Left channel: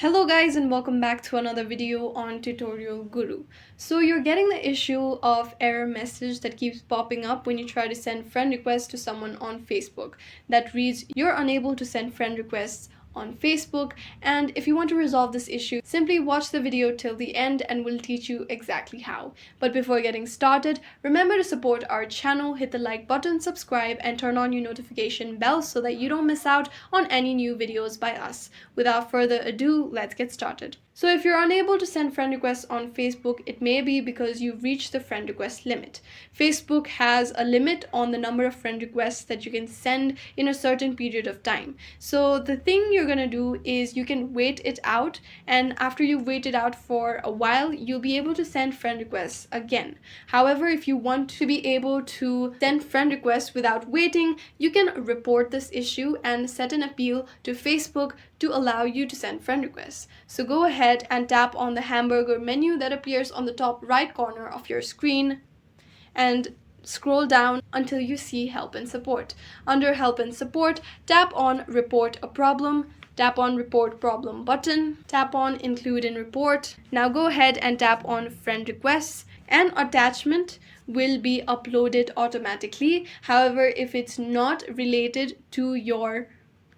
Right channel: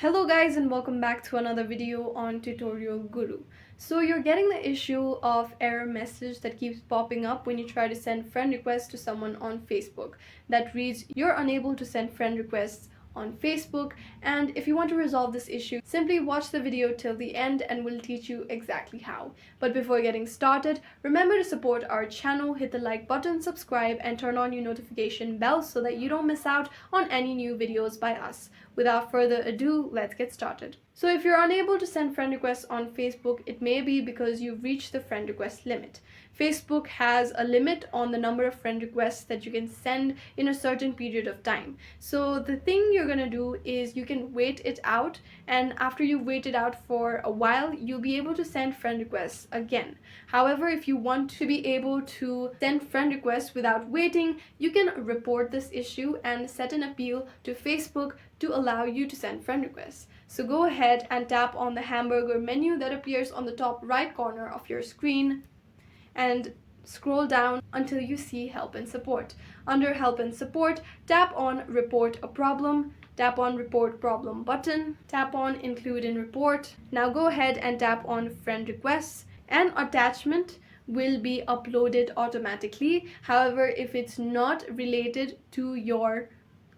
Hello guys and welcome back to another video on Tutorial Guru. So you're getting the issue of error message that keeps popping up when you try to send friend requests to someone on Facebook that reads you're unable to send friend requests on Facebook, and if you want to resolve this issue, simply watch the video till the end and we'll teach you exactly how. But before getting started, remember to support our channel, hit the like button, subscribe, and turn on your notification bell so that you don't miss out on any new videos by us. Without further ado, let's get started. So if you're unable to send friend requests on Facebook, it may be because you've reached the friend request limit. Facebook has a limit on the number of friend requests that you can send in a certain period of time. So the thing you're going to do is you can wait it out, and after you've waited out for a while, you'll be able to send friend requests again. However, if you want to be able to send friend requests without waiting, you can report this issue and set an appeal to Facebook to allow you to send friend requests. So go ahead and tap on the hamburger menu that appears on the top right corner of your screen and scroll down until you see Help and Support. Under Help and Support, tap on Report a Problem, tap on Report Problem button, tap on Include in Report. Now go ahead and tap on Friend Requests. An attachment will be uploaded automatically. However, if it's not related to your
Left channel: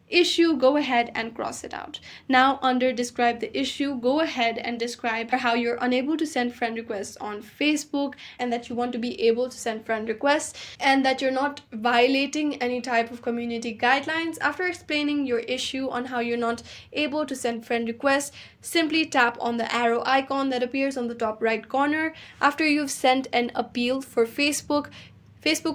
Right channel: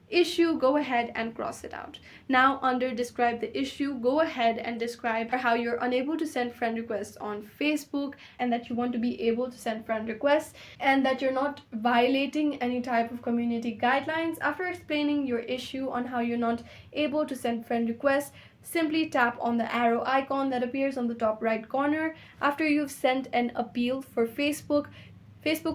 issue, go ahead and cross it out. Now under describe the issue, go ahead and describe how you're unable to send friend requests on Facebook and that you want to be able to send friend requests and that you're not violating any type of community guidelines. After explaining your issue on how you're not able to send friend requests, simply tap on the arrow icon that appears on the top right corner. After you've sent an appeal for Facebook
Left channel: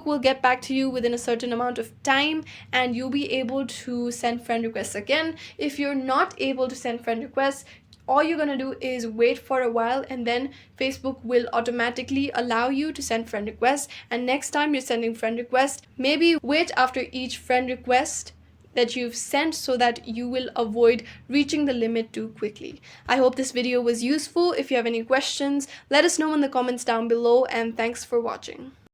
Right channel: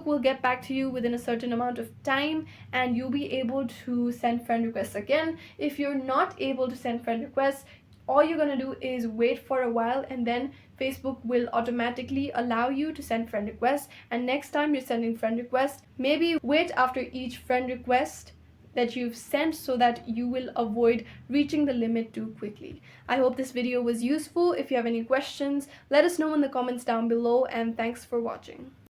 will get back to you within a certain amount of time and you'll be able to send friend requests again. If you're not able to send friend requests, all you're going to do is wait for a while and then Facebook will automatically allow you to send friend requests. And next time you're sending friend requests, maybe wait after each friend request that you've sent so that you will avoid reaching the limit too quickly. I hope this video was useful. If you have any questions, let us know in the comments down below, and thanks for watching.